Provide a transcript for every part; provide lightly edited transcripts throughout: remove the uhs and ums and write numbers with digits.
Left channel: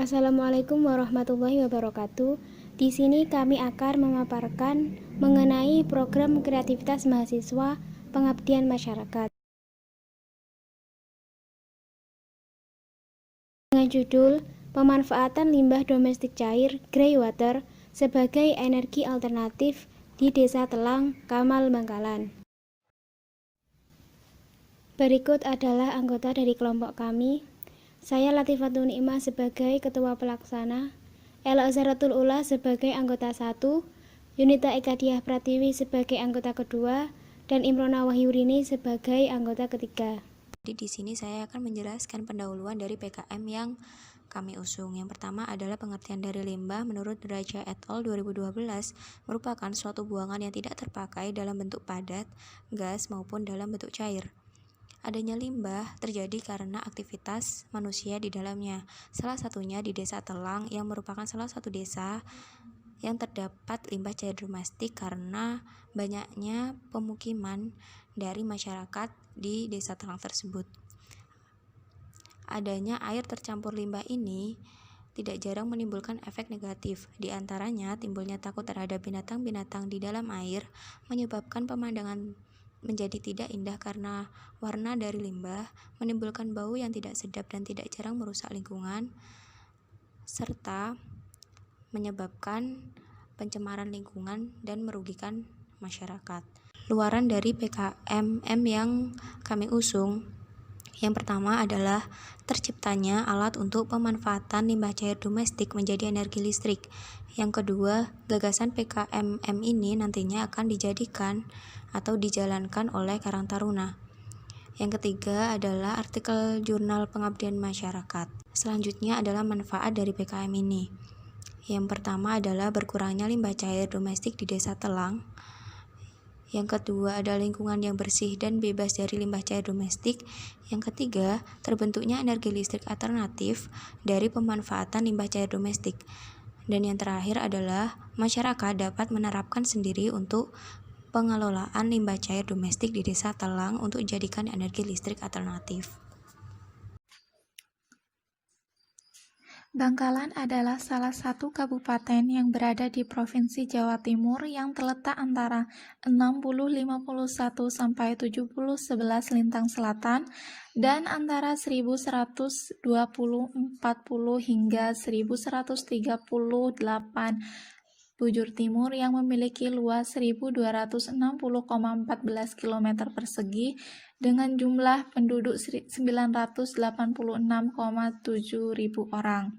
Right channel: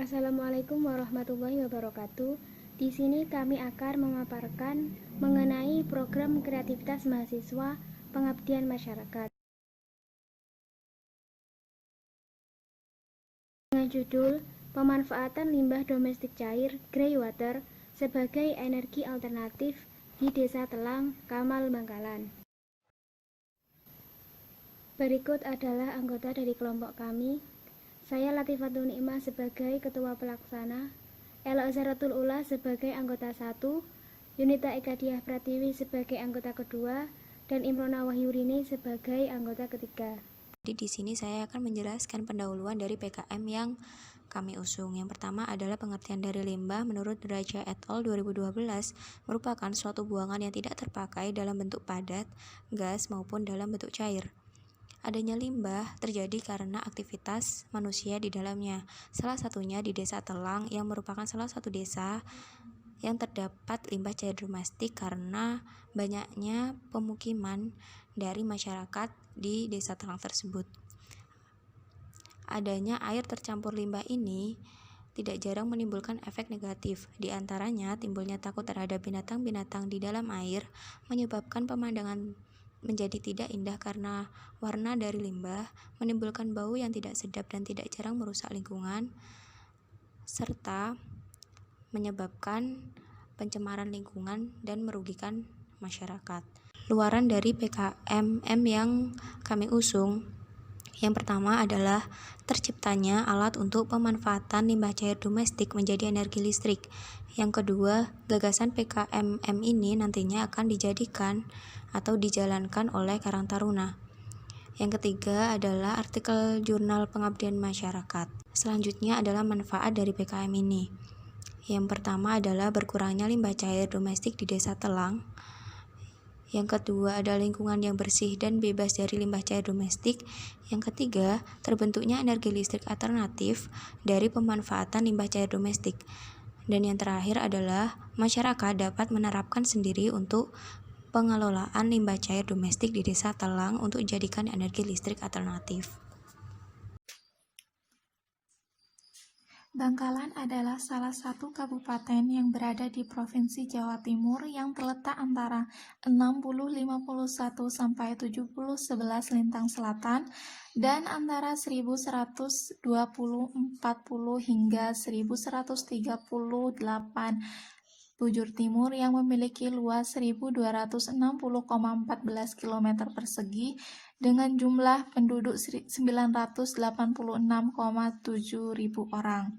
Assalamualaikum warahmatullahi wabarakatuh. Di sini kami akan memaparkan mengenai program kreativitas mahasiswa pengabdian masyarakat dengan judul Pemanfaatan Limbah Domestik Cair (Grey Water) sebagai energi alternatif di Desa Telang, Kamal, Bangkalan. Berikut adalah anggota dari kelompok kami. Saya Latifatul Nikmah sebagai Ketua Pelaksana, Ela Azharatul Ula sebagai anggota 1, Yunita Ekadiah Pratiwi sebagai anggota kedua, dan Imrona Wahyurini sebagai anggota ketiga. Jadi di sini saya akan menjelaskan pendahuluan dari PKM yang kami usung. Yang pertama adalah pengertian dari limbah menurut Raja et al. 2012 merupakan suatu buangan yang tidak terpakai dalam bentuk padat, gas maupun dalam bentuk cair. Adanya limbah terjadi karena aktivitas manusia di dalamnya. Salah satunya di Desa Telang yang merupakan salah satu desa yang terdapat limbah cair domestik karena banyaknya pemukiman dari masyarakat di Desa Telang tersebut. Adanya air tercampur limbah ini tidak jarang menimbulkan efek negatif, di antaranya timbulnya takut terhadap binatang-binatang di dalam air, menyebabkan pemandangan menjadi tidak indah karena warna dari limbah, menimbulkan bau yang tidak sedap dan tidak jarang merusak lingkungan, serta menyebabkan pencemaran lingkungan dan merugikan masyarakat. Luaran dari PKMM yang kami usung, yang pertama adalah terciptanya alat untuk pemanfaatan limbah cair domestik menjadi energi listrik. Yang kedua, gagasan PKMM ini nantinya akan dijadikan atau dijalankan oleh Karang Taruna. Yang ketiga adalah artikel jurnal pengabdian masyarakat. Selanjutnya adalah manfaat dari PKM ini. Yang pertama adalah berkurangnya limbah cair domestik di Desa Telang. Yang kedua adalah lingkungan yang bersih dan bebas dari limbah cair domestik. Yang ketiga, terbentuknya energi listrik alternatif dari pemanfaatan limbah cair domestik. Dan yang terakhir adalah masyarakat dapat menerapkan sendiri untuk pengelolaan limbah cair domestik di Desa Telang untuk dijadikan energi listrik alternatif. Bangkalan adalah salah satu kabupaten yang berada di Provinsi Jawa Timur yang terletak antara 6051 sampai 7011 lintang selatan dan antara 1140 hingga 1138 bujur timur yang memiliki luas 1260,14 km persegi dengan jumlah penduduk 986,7 ribu orang.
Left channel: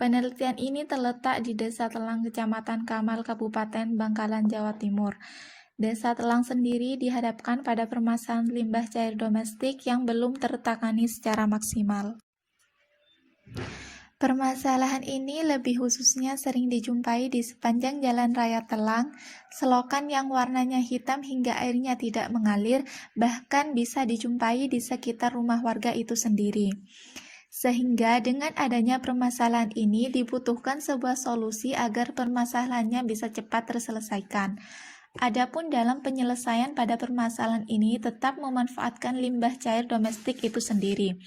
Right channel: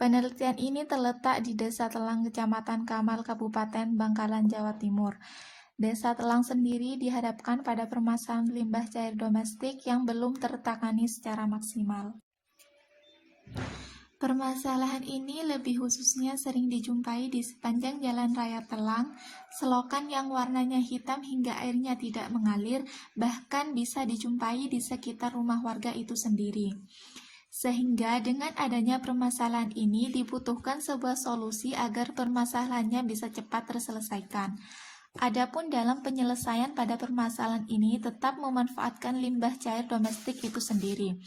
Penelitian ini terletak di Desa Telang, Kecamatan Kamal, Kabupaten Bangkalan, Jawa Timur. Desa Telang sendiri dihadapkan pada permasalahan limbah cair domestik yang belum tertangani secara maksimal. Permasalahan ini lebih khususnya sering dijumpai di sepanjang Jalan Raya Telang, selokan yang warnanya hitam hingga airnya tidak mengalir, bahkan bisa dijumpai di sekitar rumah warga itu sendiri. Sehingga dengan adanya permasalahan ini dibutuhkan sebuah solusi agar permasalahannya bisa cepat terselesaikan. Adapun dalam penyelesaian pada permasalahan ini tetap memanfaatkan limbah cair domestik itu sendiri.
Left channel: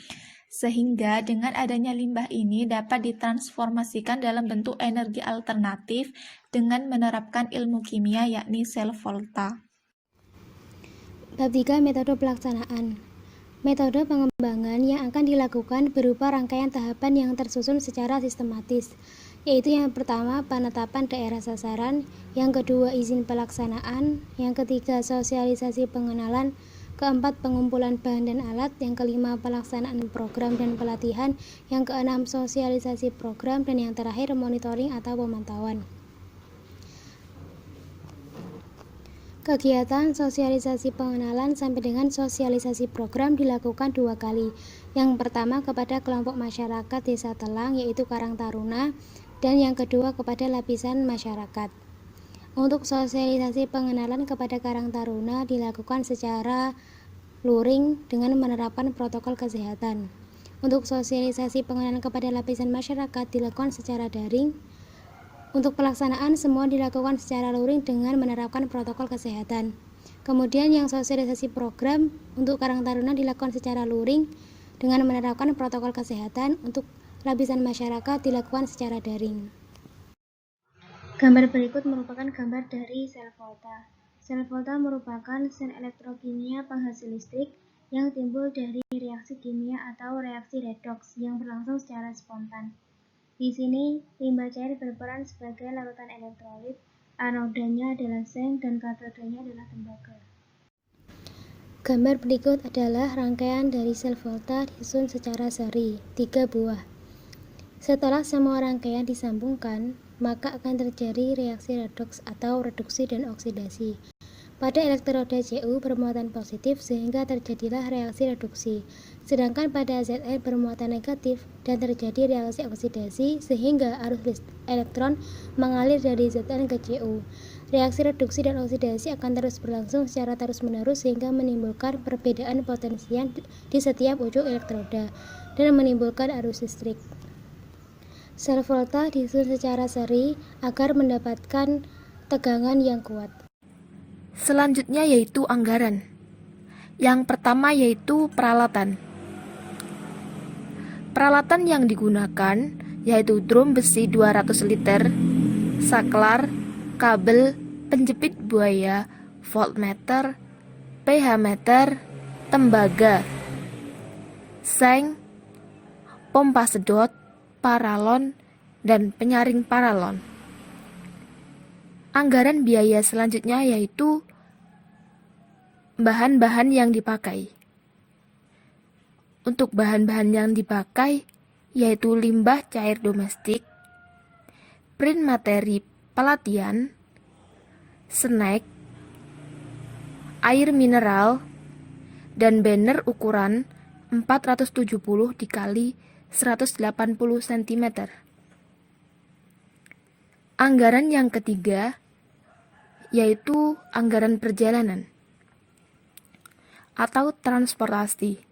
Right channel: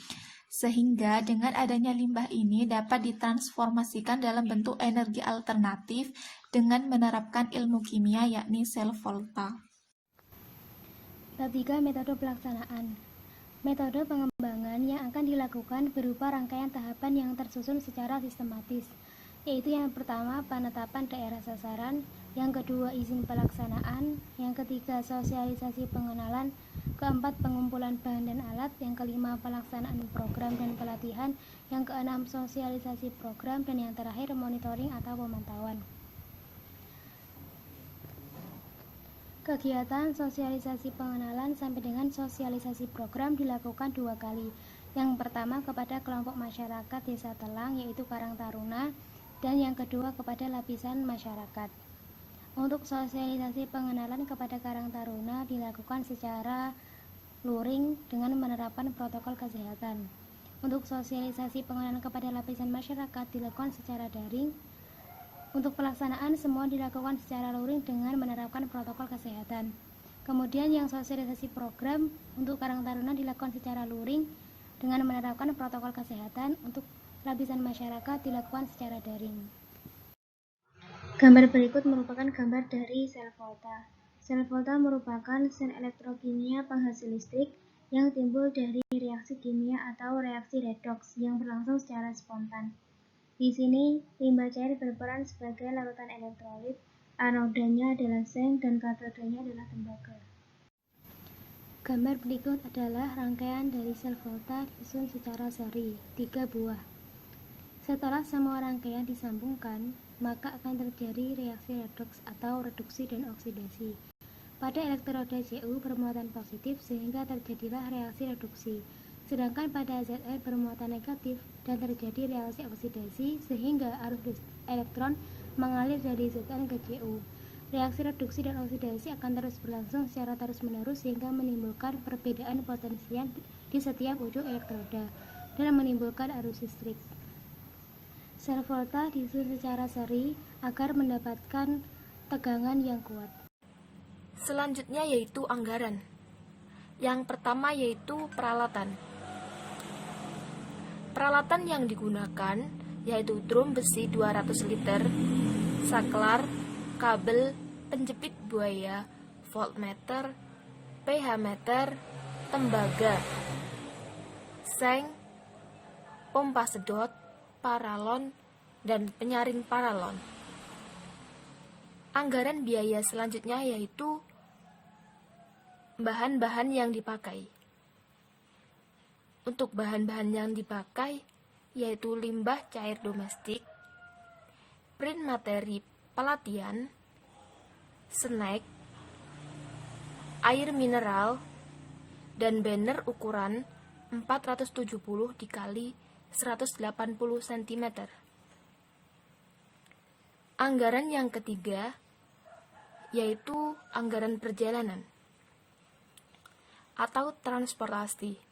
Sehingga dengan adanya limbah ini dapat ditransformasikan dalam bentuk energi alternatif dengan menerapkan ilmu kimia yakni sel volta. Bab 3 Metode Pelaksanaan. Metode pengembangan yang akan dilakukan berupa rangkaian tahapan yang tersusun secara sistematis, yaitu yang pertama penetapan daerah sasaran, yang kedua izin pelaksanaan, yang ketiga sosialisasi pengenalan, keempat pengumpulan bahan dan alat, yang kelima pelaksanaan program dan pelatihan, yang keenam sosialisasi program, dan yang terakhir monitoring atau pemantauan. Kegiatan sosialisasi pengenalan sampai dengan sosialisasi program dilakukan 2 kali. Yang pertama kepada kelompok masyarakat Desa Telang yaitu Karang Taruna, dan yang kedua kepada lapisan masyarakat. Untuk sosialisasi pengenalan kepada Karang Taruna dilakukan secara luring dengan menerapkan protokol kesehatan. Untuk sosialisasi pengenalan kepada lapisan masyarakat dilakukan secara daring. Untuk pelaksanaan semua dilakukan secara luring dengan menerapkan protokol kesehatan. Kemudian yang sosialisasi program untuk Karang Taruna dilakukan secara luring dengan menerapkan protokol kesehatan. Untuk lapisan masyarakat dilakukan secara daring. Gambar berikut merupakan gambar dari sel volta. Sel volta merupakan sel elektrokimia penghasil listrik yang timbul dari reaksi kimia atau reaksi redoks yang berlangsung secara spontan. Di sini, limbah cair berperan sebagai larutan elektrolit, anodanya adalah seng dan katodanya adalah tembaga. Gambar berikut adalah rangkaian dari sel volta disusun secara seri, 3 buah. Setelah semua rangkaian disambungkan, maka akan terjadi reaksi redoks atau reduksi dan oksidasi. Pada elektroda Cu bermuatan positif sehingga terjadilah reaksi reduksi, sedangkan pada Zn bermuatan negatif dan terjadi reaksi oksidasi sehingga arus elektron mengalir dari Zn ke Cu. Reaksi reduksi dan oksidasi akan terus berlangsung secara terus-menerus sehingga menimbulkan perbedaan potensial di setiap ujung elektroda dan menimbulkan arus listrik. Sel volta disusun secara seri agar mendapatkan tegangan yang kuat. Selanjutnya yaitu anggaran. Yang pertama yaitu peralatan. Peralatan yang digunakan yaitu drum besi 200 liter, saklar, kabel, penjepit buaya, voltmeter, pH meter, tembaga, seng, pompa sedot, paralon, dan penyaring paralon. Anggaran biaya selanjutnya yaitu bahan-bahan yang dipakai. Untuk bahan-bahan yang dipakai yaitu limbah cair domestik, print materi pelatihan, snack, air mineral, dan banner ukuran 470 dikali 180 cm. Anggaran yang ketiga yaitu anggaran perjalanan atau transportasi.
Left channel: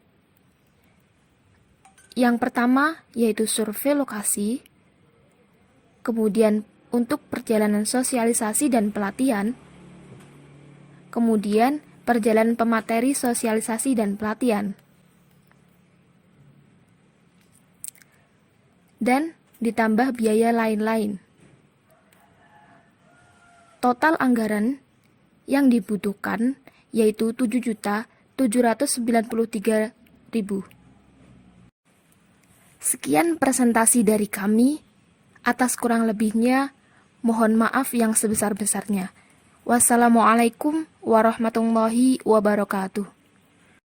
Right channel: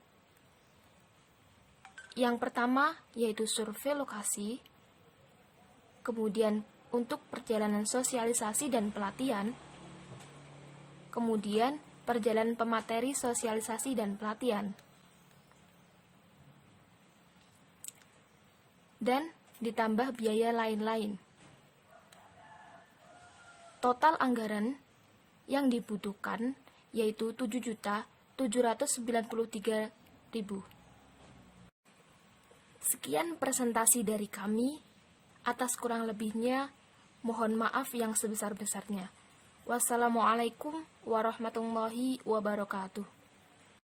Yang pertama yaitu survei lokasi, kemudian untuk perjalanan sosialisasi dan pelatihan, kemudian perjalanan pemateri sosialisasi dan pelatihan, dan ditambah biaya lain-lain. Total anggaran yang dibutuhkan yaitu 7.793.000. Sekian presentasi dari kami. Atas kurang lebihnya, mohon maaf yang sebesar-besarnya. Wassalamualaikum warahmatullahi wabarakatuh.